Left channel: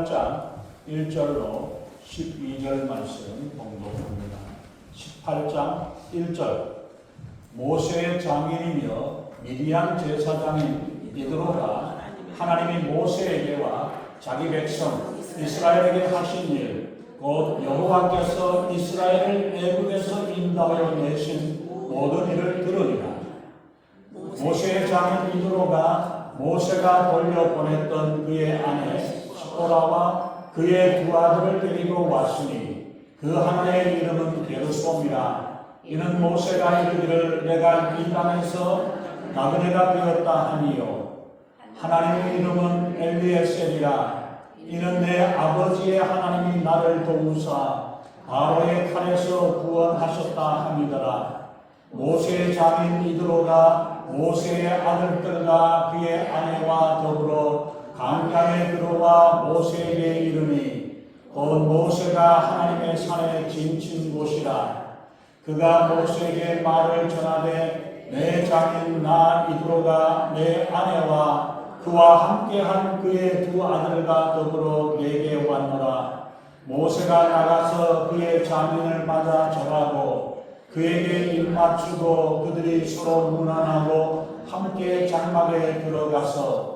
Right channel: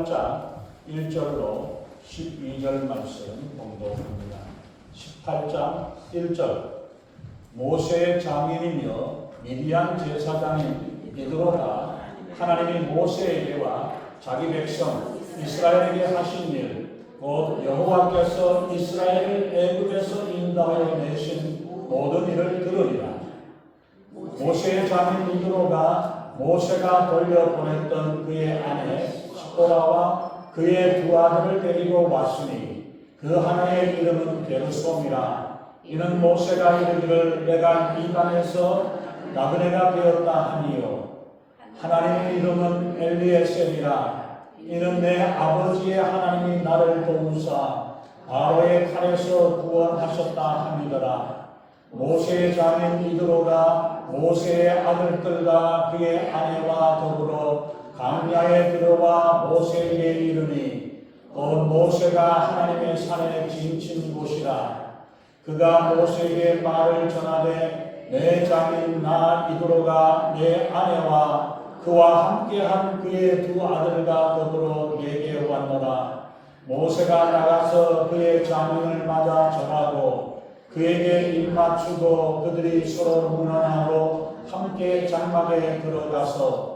18장 1절로 12절 말씀 봉독합니다. 18장 1절 모세의 장인이며 미디안 제사장인 이드로가 하나님이 모세에게와 자기 백성 이스라엘에게 하신 일 곧 여호와께서 이스라엘을 애굽에서 인도하여 내신 모든 일을 들으리라. 모세의 장인 이드로가 모세가 돌려보냈던 그의 아내 시보라와 그의 두 아들을 데리고 왔으니 그 하나의 이름은 게르솜이라. 이는 모세가 이르기를 내가 이 땅에서 나그네가 되었다 하니요 하나님의 이름은 엘리에셀이라. 이는 내 아버지의 하나님이 나를 도우사 바로의 칼에서 구원하셨다 함이더라. 모세의 장인 이드로가 모세의 아들들과 그의 아내와 더불어 광야에 들어와 모세에게 이르니 곧 모세가 하나님의 산에 지친 곳이라. 그가 모세에게 말을 전하되 내 장인 나 이드로가 내 아내와 그와 함께한 그의 두 아들과 더불어 내게 왔노라. 모세가 나가서 그의 장인을 맞아 절하고 그에게 입맞추고 그들이 서로 문안하고 함께 장막에 들어가서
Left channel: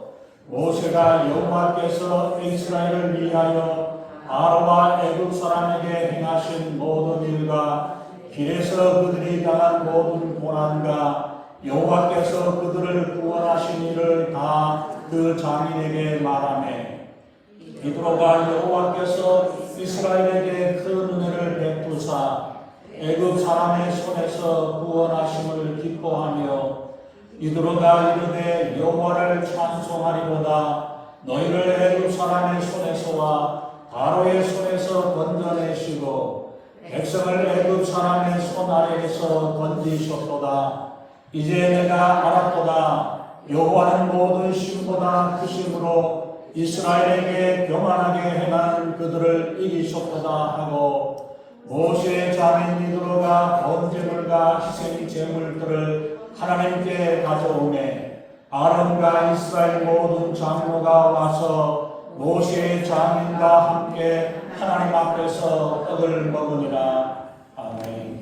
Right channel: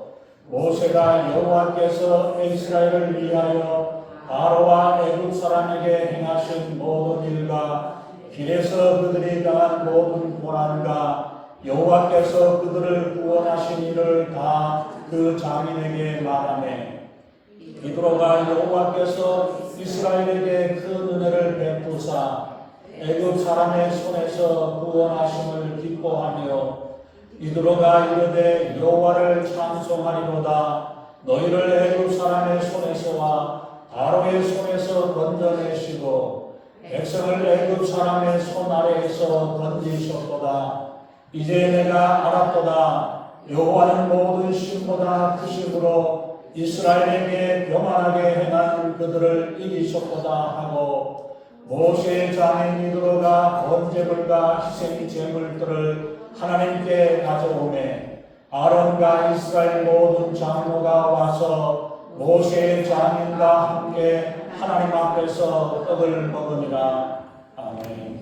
모세가 여호와께서 이스라엘을 위하여 바로와 애굽 사람에게 행하신 모든 일과 길에서 그들이 당한 모든 고난과 여호와께서 그들을 구원하신 일을 다 그 장인에게 말하매 이드로가 여호와께서 이스라엘에게 큰 은혜를 베푸사 애굽 사람의 손에서 구원하심을 기뻐하며 이드로가 이르되 여호와를 찬송하리로다. 너희를 애굽 사람의 손에서와 바로의 손에서 건져내시고 백성을 애굽 사람의 손 아래에서 건지셨도다. 이제 내가 알았도다. 여호와는 모든 신보다 크심으로 이스라엘에게 교만하게 행한 그들을 이기셨도다 하고 모세의 장인 이드로가 번제물과 희생 제물들을 하나님께 가져오매 아론과 이스라엘 모든 장로가 와서 모세의 장인과 함께 하나님 앞에서 떡을 먹으니라. 아멘.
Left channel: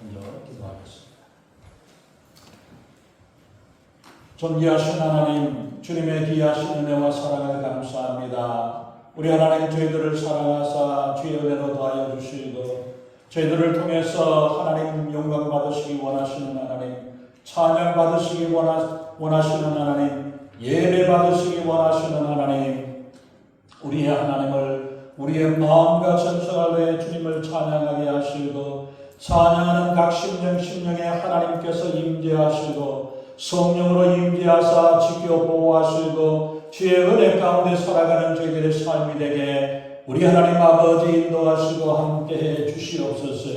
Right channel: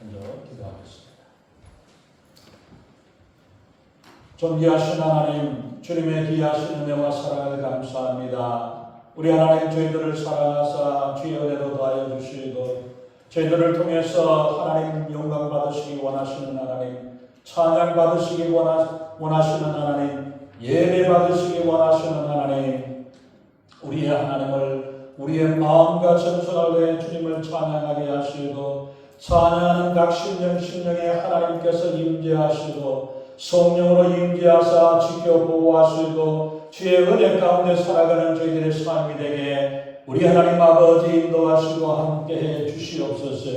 먼저 기도하겠습니다. 존귀하신 하나님, 주님의 귀하신 은혜와 사랑을 감사합니다. 우리 하나님 저희들을 사랑하사 주의 은혜로 더하여 주시고 저희들을 통해서 하나님 영광 받으시기 원하시는 하나님, 찬양 받으시기 원하시는 하나님, 예배 받으시기 원하시는 하나님, 우리의 하나님을 우리의 마음과 전선을 주님을 찬양하게 하시고 찬양하는 각 심령에 하나님께서 임재하시고 성령으로 임재하사 지켜 보호하시고 주의 은혜 가운데 살아가는 저희들의 삶이 되게 우리 하나님 아버지 인도하시고 함께해 주시옵소서.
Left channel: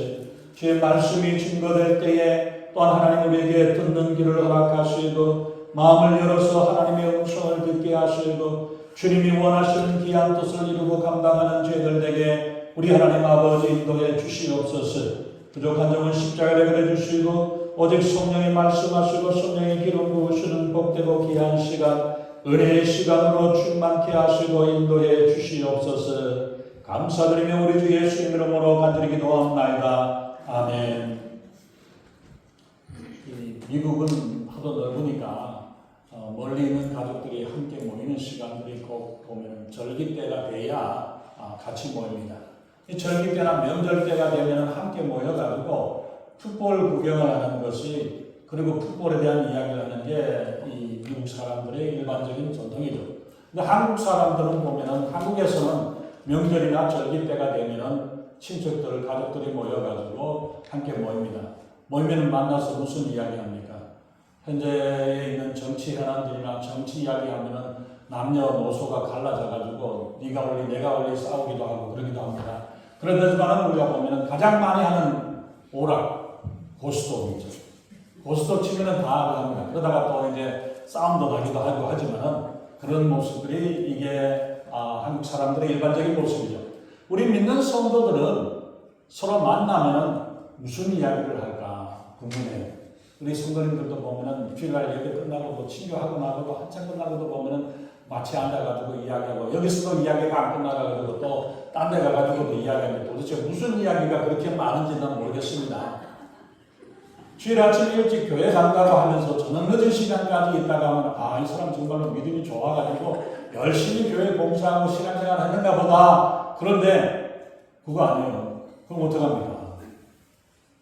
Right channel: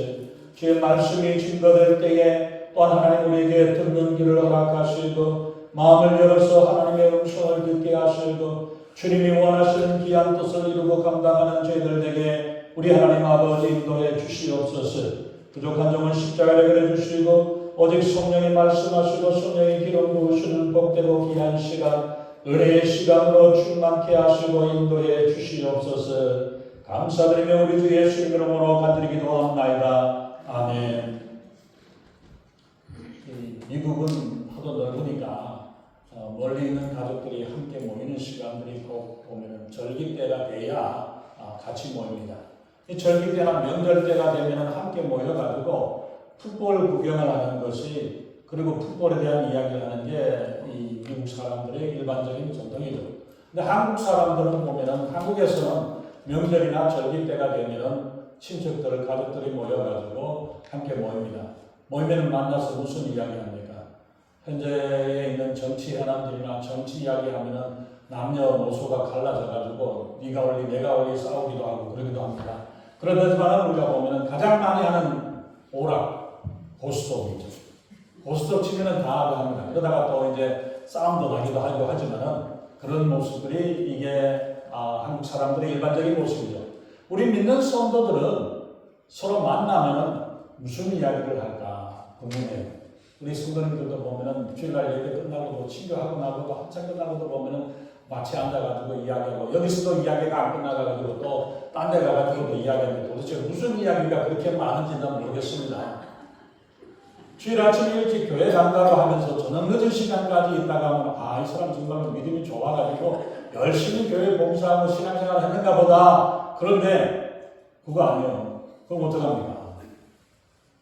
주의 말씀이 증거될 때에 또한 하나님 우리에게 듣는 길을 허락하시고 마음을 열어서 하나님의 음성을 듣게 하시고 주님이 원하시는 귀한 뜻을 이루고 감당하는 저희들 되게 우리 하나님 아버지 인도해 주시옵소서. 부족한 점은 십자가에 내려 주시고 오직 성령이 말씀하시고 성령이 기름 부으시는 복되고 귀한 시간 은혜의 시간으로 충만케 하시고 인도해 주시옵소서. 감사드리며 우리 주 예수님 이름으로 간절히 기도합나이다. 아멘. 미국은 하도 넓으니까 멀리 있는 가족들이 함께 모이는 시간들이 꼭 보면 절기 때가 돼야 같이 모입니다. 이 절기 때나 명절 때가 되면 함께 모여가지고 풋볼 구경을 하는 것이, 그리고 풋볼에 대한 이야기를 하는 게 이 미국 사람들의 일반적인 전통이죠. 근데 한국 사람들은 보면은 한국에서는 명절이나 절기 때가 되면은 친척들, 가족들이 모여가지고 함께 모입니다. 모이면 만나서 무슨 이야기합니까? 현재에 있는 정치 현안들이나 정치 이야기하면은 남녀노소가 갈라져가지고 네가 올리 내가 올리 싸우기도 하고 그러기도 합니다. 그러지만 우리가 보면은 가장 많이 하는 오락, 고스톱이죠. 고스톱 치면은 다 합니다. 그러다가 또 이제 싸움도 나기도 하고 하지만은 그런 모습들이 이게 한국 사람들의 일반적인 모습이죠. 우리 믿는 성도들은 서로 만나면은 무슨 이야기를 할까 궁금해요. 우리 성도님들도 보면은 주일날 예배 끝나고도 친교하고 나고도 한참 끝나고도 보면은 마치 앉아가지고 이야기하고 여기서도 이야기가 안 끝나가지고 또 딴 데 가가지고도 이야기하는데 도대체 무슨 이야기가 그렇게 많은지 난 모르겠습니다. 주일 아침 일찍 교회 간다고 하면서 저녁 늦은 시간까지 있다가 하면 이 사람 정말로 믿음이 좋아가지고 열심히 교회 봉사하고 신앙생활 했는가 보다. 그런데 그거 아니에요. 그럼 어떡합니까?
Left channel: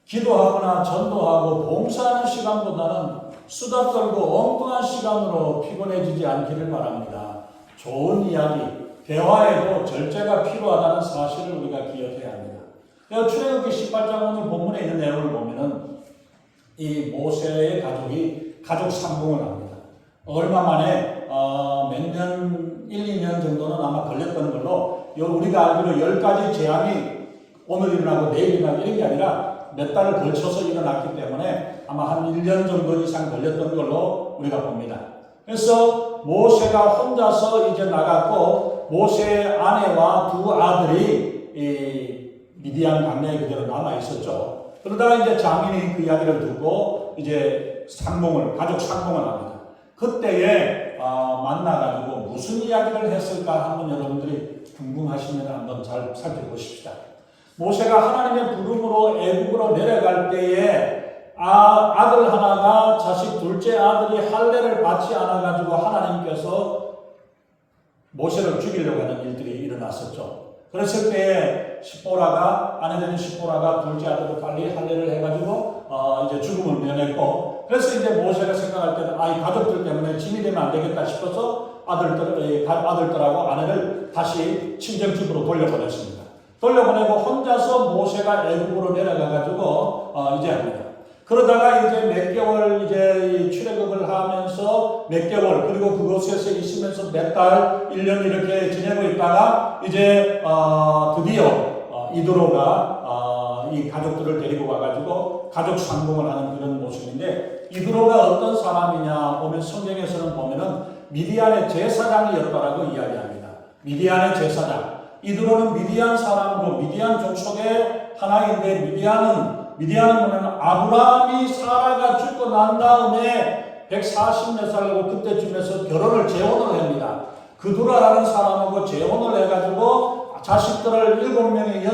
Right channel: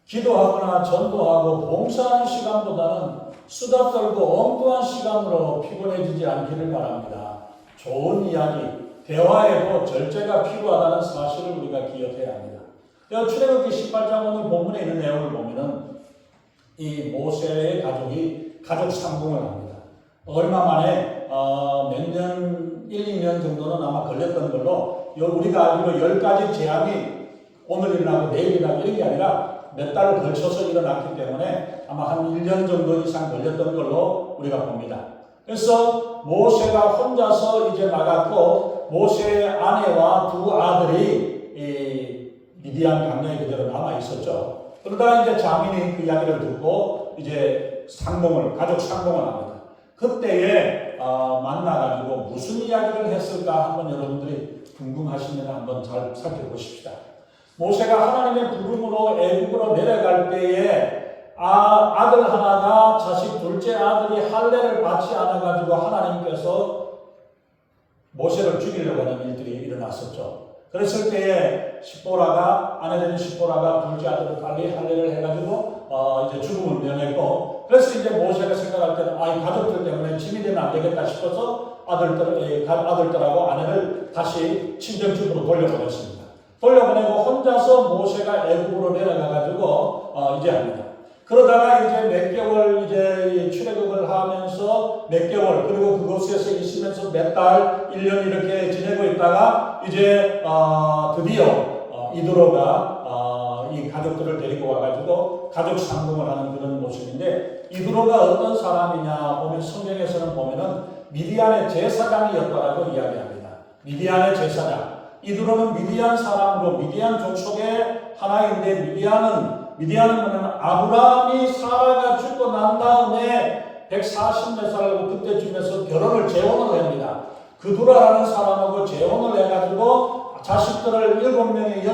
기도하거나 전도하고 봉사하는 시간보다는 수다 떨고 엉뚱한 시간으로 피곤해지지 않기를 바랍니다. 좋은 이야기, 대화에도 절제가 필요하다는 사실을 우리가 기억해야 합니다. 출애굽기 18장 오늘 본문에 있는 내용을 보면은 이 모세의 가족이 가족 상봉을 합니다. 얼마 만에 몇 년, 1, 2년 정도는 아마 걸렸던 걸로 우리가 알기로 10가지 재앙이 오늘 일어나고 내일 일어나고 이런 게 아니라 몇 달을 걸쳐서 일어났기 때문에 아마 한 1년 정도 이상 걸렸던 걸로 우리가 봅니다. 그래서 모세가 혼자서 이제 나갔고 모세의 아내와 두 아들이 이 미디안 광야에 그대로 남아 있었죠. 그러다가 이제 장인이 그 이야기를 듣고 이제 가족 상봉을 합니다. 그때에 만나가지고 무슨 이야기를 했을까 한번 여러분들이 궁금하시면 한번 잘 살펴보십시다. 모세가 하나님의 부름으로 애국으로 내려갈 때에 아들 하나가 자식 둘째 아들이 할례를 받지 않아가지고 하나님께서 모세를 죽이려고 하는 일들이 일어났었죠. 그랬을 때에 아내되는 시보라가 둘째 아들을 빨리 할례를 해가지고 이제 죽음을 면했고, 그래서 이제 모세가 생각할 때는 이 가족들 때문에 짐이 되면 안 되겠다 싶어서 아들들하고 아내를 다시 친정집으로 돌려보냈습니다. 돌려보내고 혼자서 모세가 애국으로 내려가가지고 이제 합니다. 그러다가 이제 몇 개월 이제 출애굽을 하면서 몇 개월 그리고 그곳에서 있으면서 몇 달, 1년 이렇게 지내고 있다가 이제 드디어 이드로가 이 가족들을 데리고 와가지고 가족 상봉을 하는 그런 모습인데, 이드로가 어떤 사람이냐 보면 성경에서는 보면은 미디안의 제사장이었다라고 이야기합니다. 미디안의 제사장. 이드로는 미디안 사람으로 미디안 족속의 하나인데 미디안은 아브라함이 사라가 죽고 난 다음에 140몇 살이고 그때쯤에서 재혼을 합니다. 그두라라는 사람하고 재혼을 해가지고 자식들을 7, 8 명의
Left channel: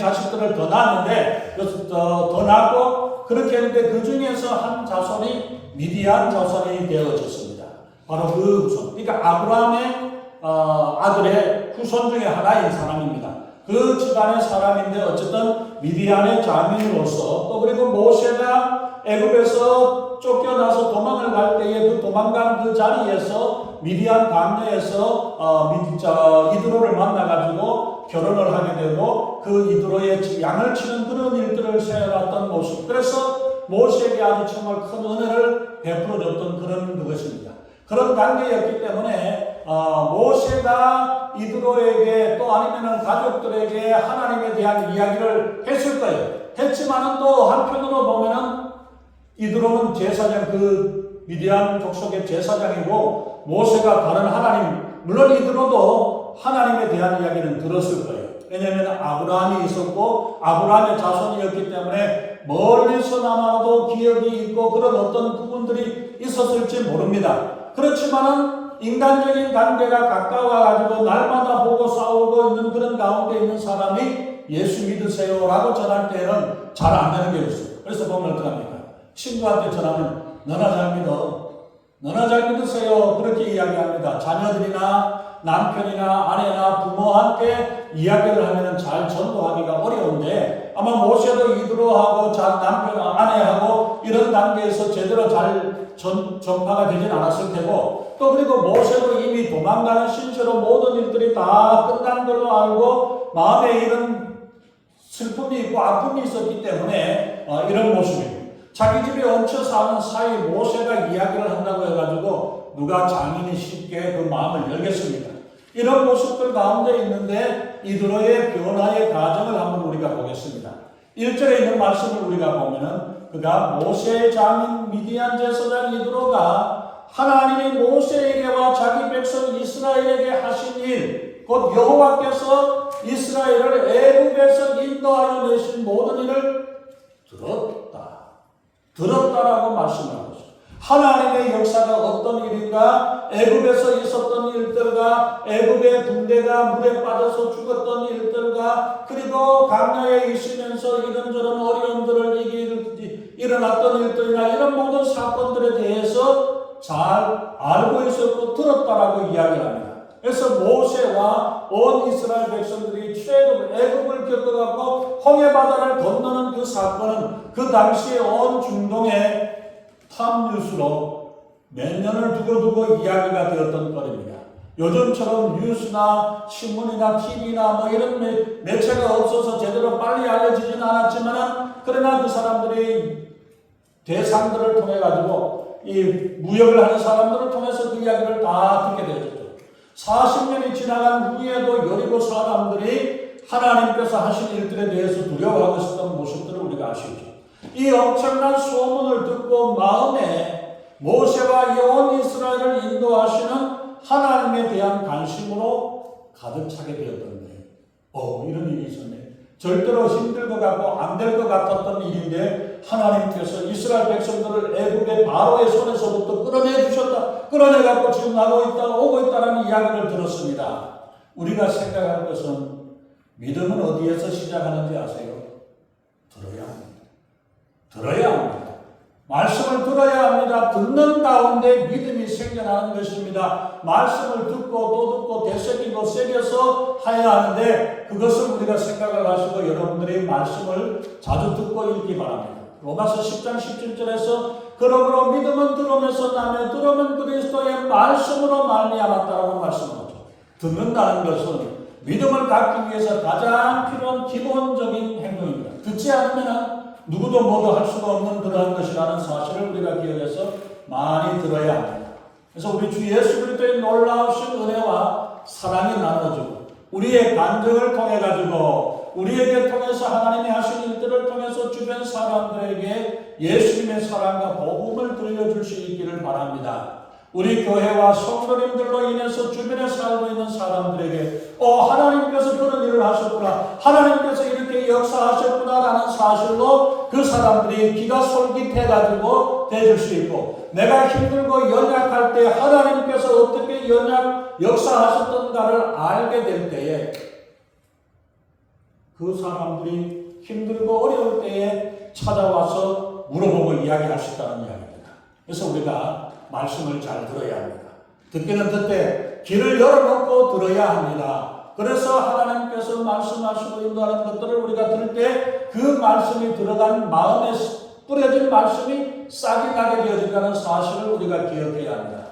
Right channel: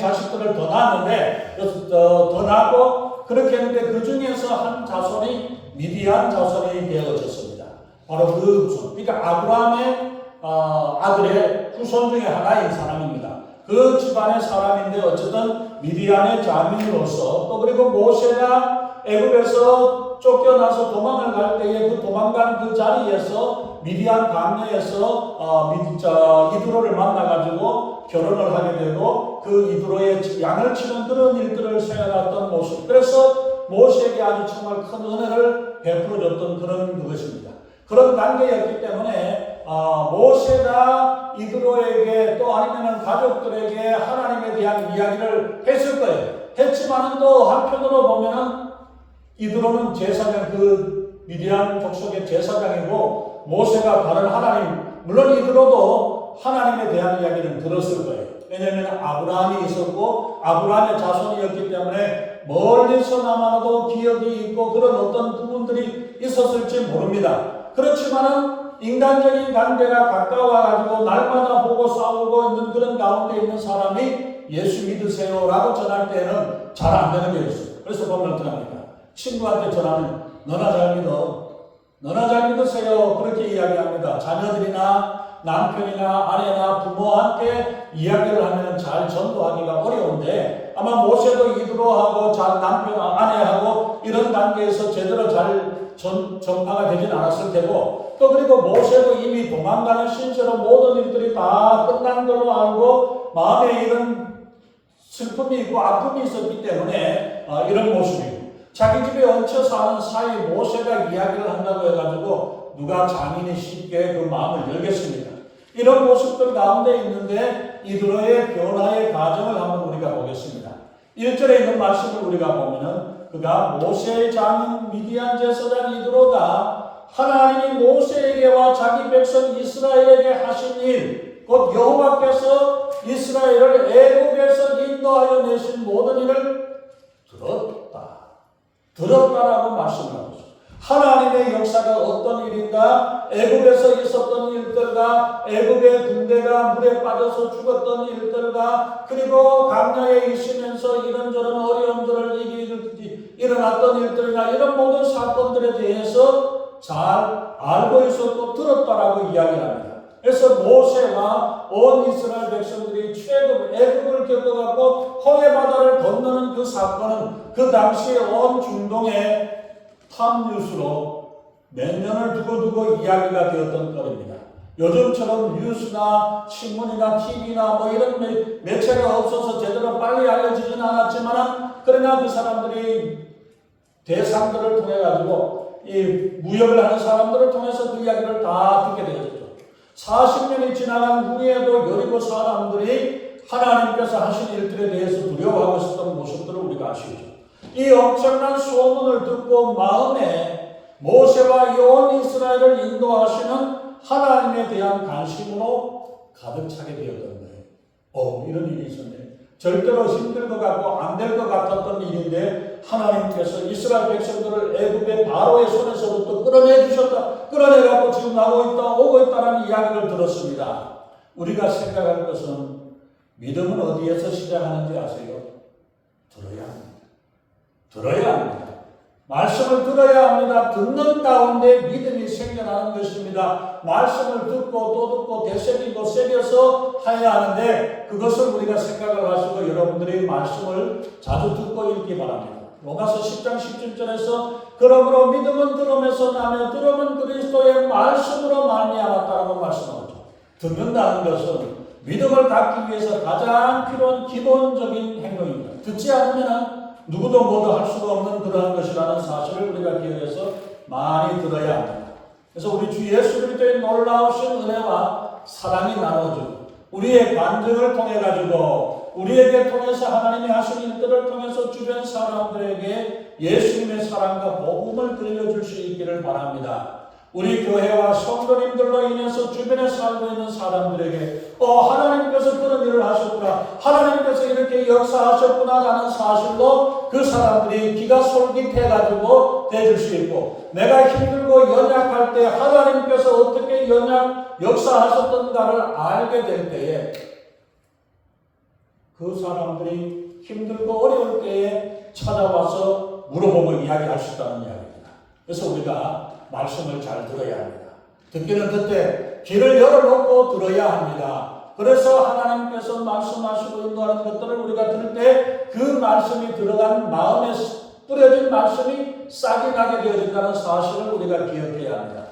자식들을 더 낳았는데 더 낳고 그렇게 했는데 그 중에서 한 자손이 미디안 자손이 되어졌습니다. 바로 그 후손. 그러니까 아브라함의 아들의 후손 중에 하나인 사람입니다. 그 집안의 사람인데 어쨌든 미디안의 장인으로서 또 그리고 모세가 애굽에서 쫓겨나서 도망을 갈 때에 그 도망간 그 자리에서 미디안 광야에서 이드로를 만나가지고 결혼을 하게 되고 그 이드로의 양을 치는 그런 일들을 세워놨던 모습. 그래서 모세에게 아주 정말 큰 은혜를 베풀어줬던 그런 것입니다. 그런 단계였기 때문에 모세가 이드로에게 또 아니면은 가족들에게 하나님에 대한 이야기를 했을 거예요. 했지만은 또 한편으로 보면은 이드로는 제사장, 그 미디안 족속의 제사장이고 모세가 다른 하나님, 물론 이드로도 하나님에 대한 이야기는 들었을 거예요. 왜냐하면 아브라함이 있었고 아브라함의 자손이었기 때문에 멀리서나마도 기억이 있고 그런 어떤 부분들이 있었을지 모릅니다. 그렇지만은 인간적인 관계가 가까워가지고 날마다 보고 싸우고 있는 그런 가운데 있는 사람이 예수 믿으세요라고 전할 때는 잘 안 되는 게 있어요. 그래서 보면 어떡합니까? 친구한테 전하면 너나 잘 믿어. 너나 잘 믿으세요. 그렇게 이야기합니다. 자녀들이나 남편이나 아내나 부모한테 이야기를 하면 잘 전도하기가 어려운데 아마 모세도 이드로하고 남편, 아내하고 이런 단계에서 제대로 잘 전파가 되진 않았을 테고 또 그리고 모세도 이미 도망가는 신세로 모든 일들이 다 끝난 걸로 알고 마음에 이런 슬픔이 있고 아픔이 있었기 때문에 이런 모습이고 자기 집에 얹혀 사는 사이 모세가 이야기를 한다고 해가지고 누가 장인이 쉽게 그 마음을 열겠습니까? 이런 모습들 가운데 있는데 이드로의 변화의 과정을 한번 우리가 보겠습니다. 1절에 있는 말씀을 우리가 보면은 그가 모세의 장인 미디안 제사장 이드로가 하나님이 모세에게와 자기 백성 이스라엘에게 하신 일, 곧 여호와께서 이스라엘을 애굽에서 인도하여 내신 모든 일을 들었다. 들었다라고 말씀하고 있어요. 하나님의 역사가 어떤 일인가? 애굽에서 있었던 일들과 애굽의 군대가 물에 빠져서 죽었던 일들과 그리고 광야에 있으면서 이런저런 어려움들을 일어났던 일들이나 이런 모든 사건들에 대해서 잘 알고 있었고 들었다라고 이야기를 합니다. 그래서 모세와 온 이스라엘 백성들이 최고 애굽을 겪어갖고 홍해바다를 건너는 그 사건은 그 당시에 온 중동의 탑뉴스로 몇 년을 두고 이야기가 되었던 거입니다. 요즘처럼 뉴스나 신문이나 TV나 뭐 이런 매체가 없어서 제대로 빨리 알려지지는 않았지만 그러나 그 사람들이 대상들을 통해 가지고 이 무역을 하는 사람들을 통해서 그 이야기를 다 듣게 되었죠. 40년이 지나간 후에도 여리고 사람들이 하나님께서 하신 일들에 대해서 두려워하고 있었던 모습들을 우리가 아시죠. 이 엄청난 소문을 듣고 마음에 모세와 온 이스라엘을 인도하시는 하나님에 대한 관심으로 가득 차게 되었던 거예요. 이런 일이 있었네. 절대로 힘들 것 같고 안 될 것 같았던 일인데 하나님께서 이스라엘 백성들을 애굽의 바로의 손에서부터 끌어내 주셨다. 끌어내 갖고 지금 나오고 있다, 오고 있다라는 이야기를 들었습니다. 우리가 생각할 것은 믿음은 어디에서 시작하는지 아세요? 들어야 합니다. 들어야 합니다. 말씀을 들어야 합니다. 듣는 가운데 믿음이 생겨나는 것입니다. 말씀을 듣고 또 듣고 되새기고 새겨서 해야 하는데 그것을 우리가 생각을 하시고 여러분들이 말씀을 자주 듣고 읽기 바랍니다. 로마서 10장 17절에서 그러므로 믿음은 들음에서 나며 들음은 그리스도의 말씀으로 말미암았다라고 말씀하죠. 듣는다는 것은 믿음을 갖기 위해서 가장 필요한 기본적인 행동입니다. 듣지 않으면 누구도 모두 할 수가 없는 그러한 것이라는 사실을 우리가 기억해서 많이 들어야 합니다. 그래서 우리 주 예수 그리스도의 놀라우신 은혜와 사랑이 나눠지고 우리의 간증을 통해 가지고 우리에게 통해서 하나님이 하신 일들을 통해서 주변 사람들에게 예수님의 사랑과 복음을 들려줄 수 있기를 바랍니다. 우리 교회와 성도님들로 인해서 주변에 살고 있는 사람들에게 하나님께서 그런 일을 하셨구나, 하나님께서 이렇게 역사하셨구나 라는 사실로 그 사람들이 귀가 솔깃해가지고 대줄 수 있고 내가 힘들고 연약할 때 하나님께서 어떻게 역사하셨던가를 알게 될 때에 그 사람들이 힘들고 어려울 때에 찾아와서 물어보고 이야기할 수 있다는 이야기입니다. 그래서 우리가 말씀을 잘 들어야 합니다. 듣기는 듣되 귀를 열어놓고 들어야 합니다. 그래서 하나님께서 말씀하시고 인도하는 것들을 우리가 들을 때 그 말씀이 들어간 마음에 뿌려진 말씀이 싹이 나게 되어진다는 사실을 우리가 기억해야 합니다.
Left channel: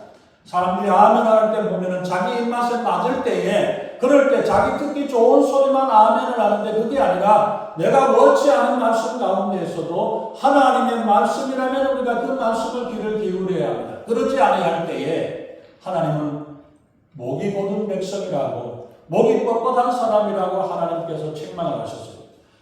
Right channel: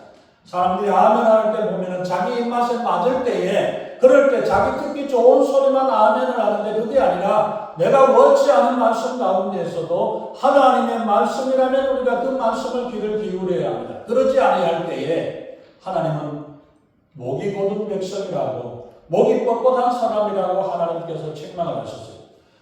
사람들이 아멘 할 때 보면은 자기 입맛에 맞을 때에 그럴 때 자기 듣기 좋은 소리만 아멘을 하는데 그게 아니라 내가 원치 않은 말씀 가운데에서도 하나님의 말씀이라면 우리가 그 말씀을 귀를 기울여야 합니다. 그러지 아니할 때에 하나님은 목이 곧은 백성이라고 목이 뻣뻣한 사람이라고 하나님께서 책망을 하셨어요.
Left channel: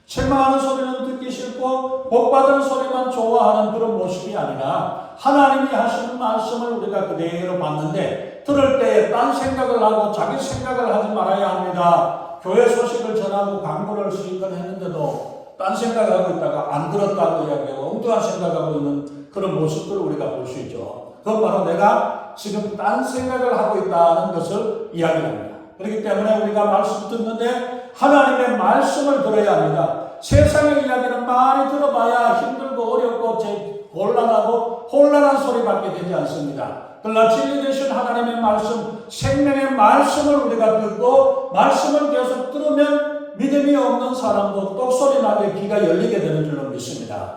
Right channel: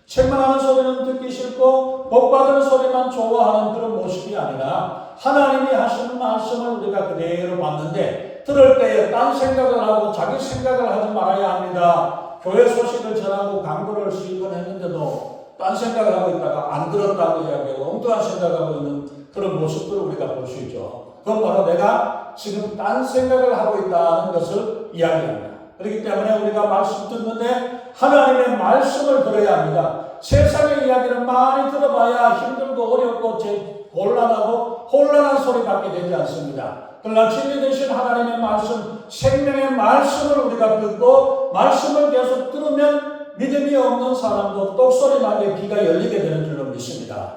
책망하는 소리는 듣기 싫고 복받은 소리만 좋아하는 그런 모습이 아니라 하나님이 하시는 말씀을 우리가 그대로 받는데 들을 때에 딴 생각을 하고 자기 생각을 하지 말아야 합니다. 교회 소식을 전하고 광고를 수익을 했는데도 딴 생각을 하고 있다가 안 들었다고 이야기하고 엉뚱한 생각하고 있는 그런 모습들을 우리가 볼 수 있죠. 그건 바로 내가 지금 딴 생각을 하고 있다는 것을 이야기합니다. 그렇기 때문에 우리가 말씀 듣는데 하나님의 말씀을 들어야 합니다. 세상의 이야기를 많이 들어봐야 힘들고 어렵고 곤란하고 혼란한 소리밖에 되지 않습니다. 그러나 진리 되신 하나님의 말씀, 생명의 말씀을 우리가 듣고 말씀을 계속 들으면 믿음이 없는 사람도 똑소리 나게 귀가 열리게 되는 줄로 믿습니다.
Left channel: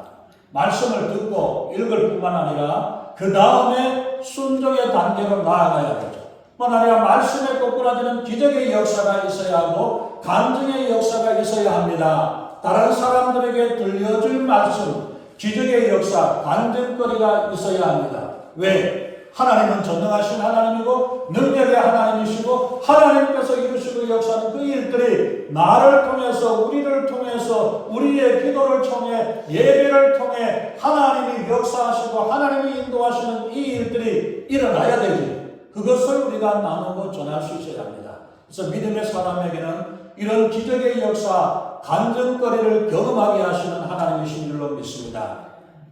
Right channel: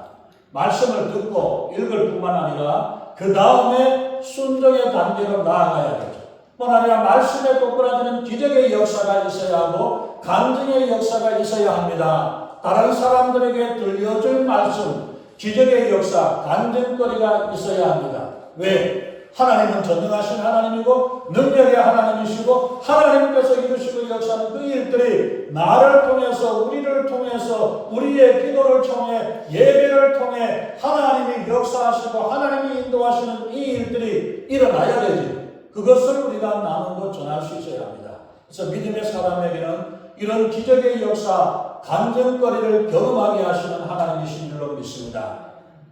말씀을 듣고 읽을 뿐만 아니라 그 다음에 순종의 단계로 나아가야 되죠. 뿐 아니라 말씀에 꼬꾸라지는 기적의 역사가 있어야 하고 간증의 역사가 있어야 합니다. 다른 사람들에게 들려줄 말씀, 기적의 역사, 간증거리가 있어야 합니다. 왜? 하나님은 전능하신 하나님이고 능력의 하나님이시고 하나님께서 이루시고 역사하는 그 일들이 나를 통해서 우리를 통해서 우리의 기도를 통해 예배를 통해 하나님이 역사하시고 하나님이 인도하시는 이 일들이 일어나야 되지. 그것을 우리가 나누고 전할 수 있어야 합니다. 그래서 믿음의 사람에게는 이런 기적의 역사, 간증거리를 경험하게 하시는 하나님이신 줄로 믿습니다.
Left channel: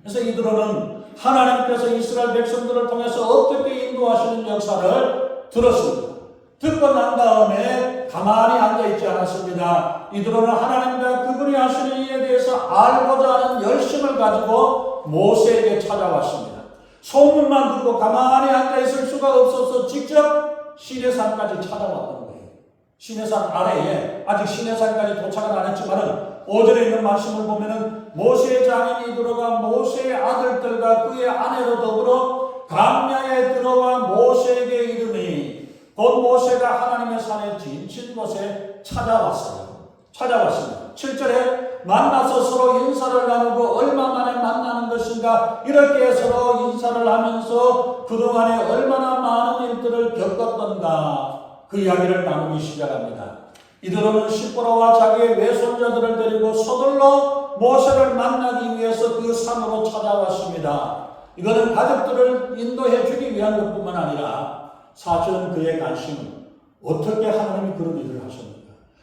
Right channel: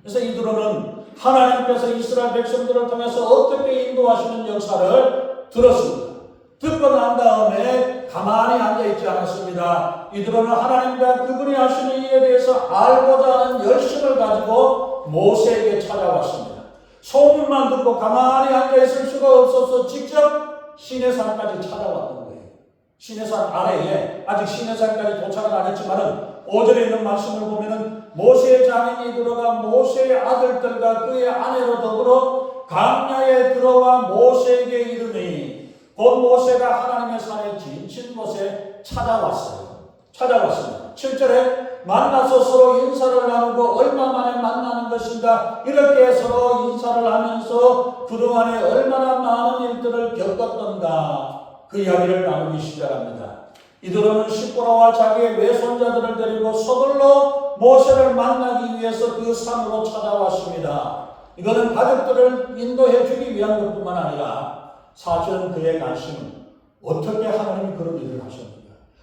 그래서 이드로는 하나님께서 이스라엘 백성들을 통해서 어떻게 인도하시는 역사를 들었습니다. 듣고 난 다음에 가만히 앉아있지 않았습니다. 이드로는 하나님과 그분이 하시는 일에 대해서 알고자 하는 열심을 가지고 모세에게 찾아왔습니다. 소문만 듣고 가만히 앉아있을 수가 없어서 직접 시내산까지 찾아왔던 거예요. 시내산 아래에, 아직 시내산까지 도착은 안 했지만 5절에 있는 말씀을 보면은 모세의 장인 이드로가 모세의 아들들과 그의 아내로 더불어 광야에 들어와 모세에게 이르니 곧 모세가 하나님의 산에 지친 곳에 찾아왔습니다. 7절에 만나서 서로 인사를 나누고 얼마 만에 만나는 것인가, 이렇게 서로 인사를 하면서 그동안에 얼마나 많은 일들을 겪었던가 그 이야기를 나누기 시작합니다. 이드로는 십보라와 자기의 외손자들을 데리고 서둘러 모세를 만나기 위해서 그 산으로 찾아왔습니다. 이거는 가족들을 인도해 주기 위한 것뿐만 아니라 사실은 그의 관심은 어떻게 하나님이 그런 일을 하셨는가,